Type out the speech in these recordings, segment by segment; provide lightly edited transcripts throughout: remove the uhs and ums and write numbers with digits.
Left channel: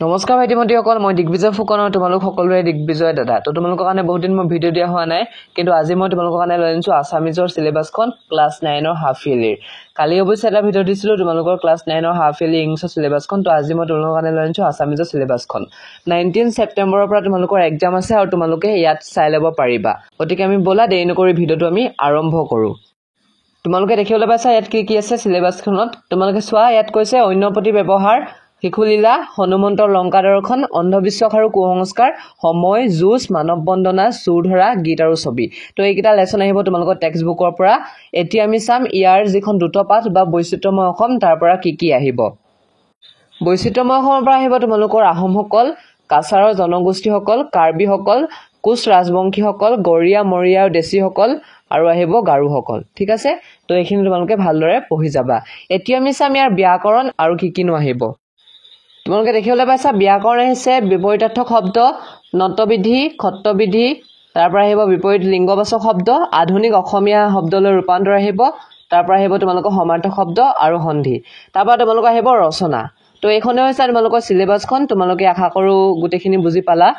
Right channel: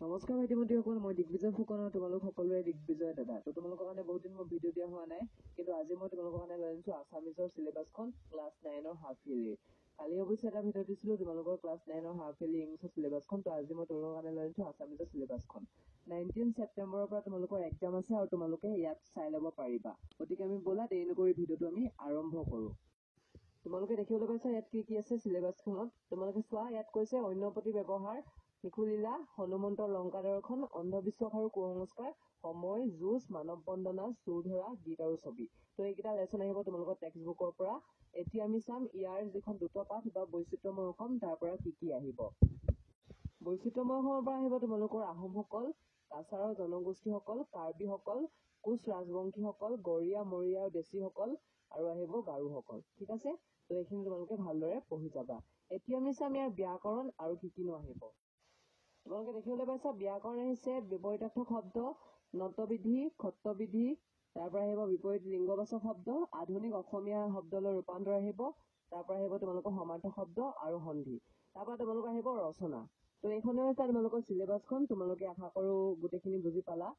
নমস্কাৰ ভাইটি-ভণ্টিসকল, মই দিগ্বিজয় ফুকন আৰু তোমালোক সকলোৰে দিগ্বিজয় দাদা। তো তোমালোকৰ কাৰণে বহুত দিন মই ভিডিঅ' দিয়া হোৱা নাই, কিন্তু আজি মই তোমালোকৰ কাৰণে লৈ আনিছোঁ আছামিজৰ চিলেবাছখন ক্লাছ 9ৰ হাফ ইয়াৰলিৰ। কালি অৱশ্যে এটা ভিডিঅ' দিছিলোঁ তোমালোকৰ ক্লাছ 9ৰ হাফ ইয়াৰলি ইংলিছৰ চিলেবাছখন। তো আজি মই তোমালোকৰ কাৰণে লৈ আনিছোঁ আছামিজৰ চিলেবাছখন। 19 ছেপ্টেম্বৰৰ পৰা তোমালোকৰ এক্সাম আছে আৰু তোমালোকে ইয়াত চাই ল'ব পাৰিবা। গতিকে আমি ব'লা দেৰি নকৰি ভিডিঅ'টো আমি আৰম্ভ কৰোঁ। তোমালোকে দেখিবলৈ পাইছা ইয়াত কি কি আছে চিলেবাছখনত। তোমালোকে চোৱা, ইয়াত কৈছে অন্য প্ৰতি ব্যৱহাৰ, শিশুলীলা, হনুমন্তৰ লংকা দৰ্শন, অন্ধবিশ্বাস আৰু কুসংস্কাৰ, সময়, যুঁজ, মানৱ বন্দনা, চুৰ ধৰা, গীত আৰু ছবি। তো এইকেইটা লেচন আহিব তোমালোকৰ টেক্সট বুকৰ পৰা। এতিয়া আমি চাম ইয়াৰ যিখন দ্ৰুতপাঠ বা বৈচিত্ৰ্যময় অসম তাৰ পৰা কি কি আহিব। বৈচিত্ৰ্যময় অসমৰ পৰা আহিব তোমালোকৰ আহোমসকল, কাছাৰৰ জনগোষ্ঠীসকল, কাৰ্বিসকল, কোচ ৰাজবংশীসকল, গৰীয়া, মৰীয়া আৰু দেশীসকল, আৰু আহিব গাৰোসকল। ঠিক আছে, তো এইখিনি তোমালোকে ভালদৰে পঢ়ি যাবা। এতিয়া আমি চাম ইয়াৰ ব্যাকৰণ আৰু কি কিনো আহিব। তোমালোকে দেখিবলৈ পাইছা ব্যাকৰণ আহিছে বিপৰীতাৰ্থক শব্দ, নতবিধি, খত্তবিধি, তাৰ পৰা আহিব বিপৰীত লিংগবাচক শব্দ, আধুনিক অসমীয়া শব্দলৈ ৰূপান্তৰ আহিব, তাৰ পৰা আহিব তোমালোকৰ সমাৰ্থক শব্দ আৰু সন্ধি, তাৰ পৰা তোমালোকৰ আহিব ৰচনা। তো এইখনে হৈছে তোমালোকৰ চিলেবাছখন। তোমালোকে আশা কৰোঁ গোটেইখিনি বুজি পালা।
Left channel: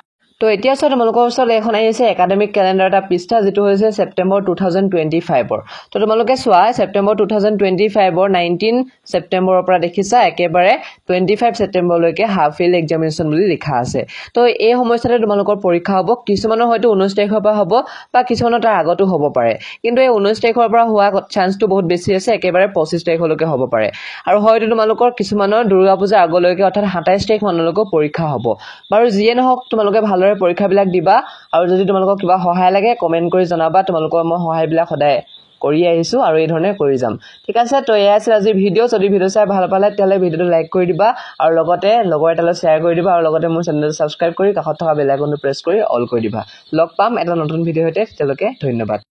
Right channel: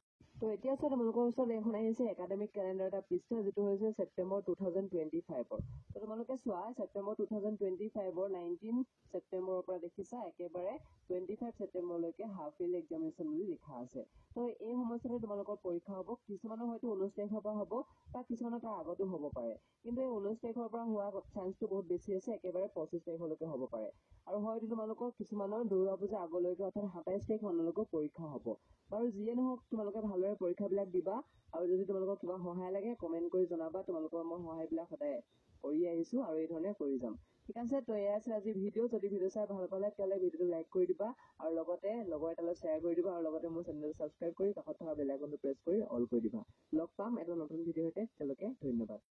তো এতিয়া চোৱা, তোমালোকৰ ওচৰত এখন আহিছে একাডেমিক কেলেণ্ডাৰ এটা পৃষ্ঠা, যিটো হৈছে ছেপ্টেম্বৰ 2025ৰ। তো তোমালোকে চোৱা, ছেপ্টেম্বৰ 2025ৰ 19 ছেপ্টেম্বৰৰ পৰা দেখিছা একেবাৰে 25 ছেপ্টেম্বৰলৈকে হাফ ইয়াৰলি এক্সামিনেশ্যন বুলি লিখা আছে। তো এই সময়ছোৱাতে তোমালোকৰ পৰীক্ষা হ'ব। কিছুমানৰ হয়তো 19 তাৰিখৰ পৰা হ'ব বা কিছুমানৰ তাৰ আগতো হ'ব পাৰে, কিন্তু এই 19 তাৰিখৰ পৰা হোৱা চান্সটো বহুত বেছি আছে, একেবাৰে 25 তাৰিখলৈকে হ'ব পাৰে। আৰু হয়তো তোমালোকৰ কিছুমানৰ দুৰ্গা পূজাৰ আগলৈকে অৰ্থাৎ 27 তাৰিখ মানলৈকে পৰীক্ষা হ'ব। বাৰু যিয়ে নহওক, তোমালোকে ভালদৰে পৰীক্ষাবিলাক দিবা। আৰু যদি তোমালোকৰ কিবা সহায় লাগে কমেণ্ট কৰি জনাবা। তোমালোকৰ মই সহায়বিলাক সদায় কৰি আহিছোঁ আৰু এই ধৰণে কৰি যাম। ঠিক আছে, তো এয়া আছিল আজিৰ ভিডিঅ'। যদি ভিডিঅ' চাই ভাল পালে তেতিয়াহ'লে ভিডিঅ'টো লাইক কৰি দিবা আৰু লগতে লগৰ এটালৈ শ্বেয়াৰ কৰি দিবা আৰু লগতে মোৰ চেনেলটো ছাবস্ক্ৰাইব কৰি কাষত থকা বেল আইকনটো প্ৰেছ কৰি অল কৰি দিবা। লগ পাম এটা নতুন ভিডিঅ'ৰ সৈতে। তেতিয়ালৈকে ধন্যবাদ।